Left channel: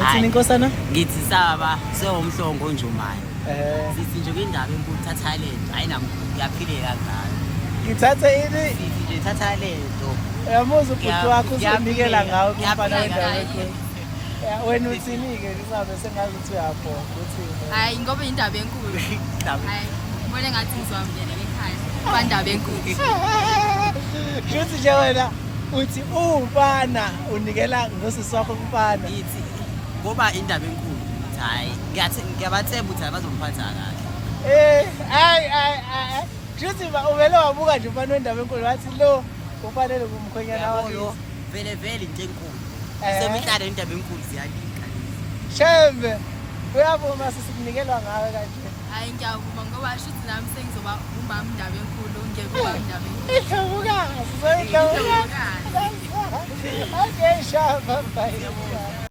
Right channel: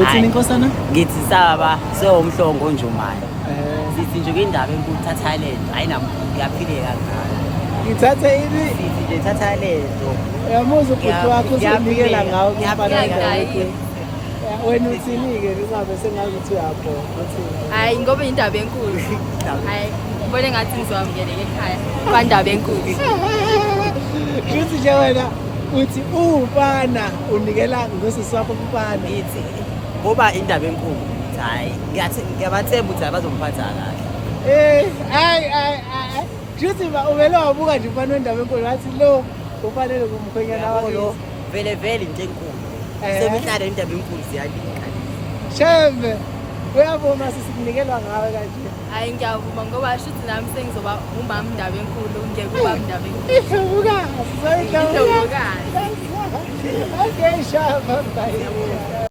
Uthini inkosana? Ngithi saba sewumhlongo njumayo. Sithi nje indaba enkulu thatha lento yaphileka ngayo. Ngithatha ini? Sithi nje thatha lento. Uyamuzwa ubhuti wakho uzonikela ngawo Ngiyaphileka. Wena uthini-ke kungabe sengazi ukuthi uyabheka uthini? Hayi ngoba indaba enkulu. Hayi ngibone ngathi ngizowamukeleka ekhaya. Kuba indaba enkulu. Futhi nje wena uthi umfana unikela ngosisi wakho umfana. Ngithi ngoba indaba enkulu. Hayi ngiyabathemba ukuthi abazomphatha kahle. Hayi. Futhi uvele wabuka nje umfana wendaba enkulu wathi lo ufanele kumkhwenyana Yabo lo vele into enkulu. Semihlala indaba enkulu siyalika. Shembe. Uyavuma sisikunikela ngawe kanje. Hayi ngiyavuma ngoba shuthi nami sengizoba umama indaba enkulu ngeke ubaba indaba enkulu. Ivuka. Ngizovuka. Okay, shaba. Bye.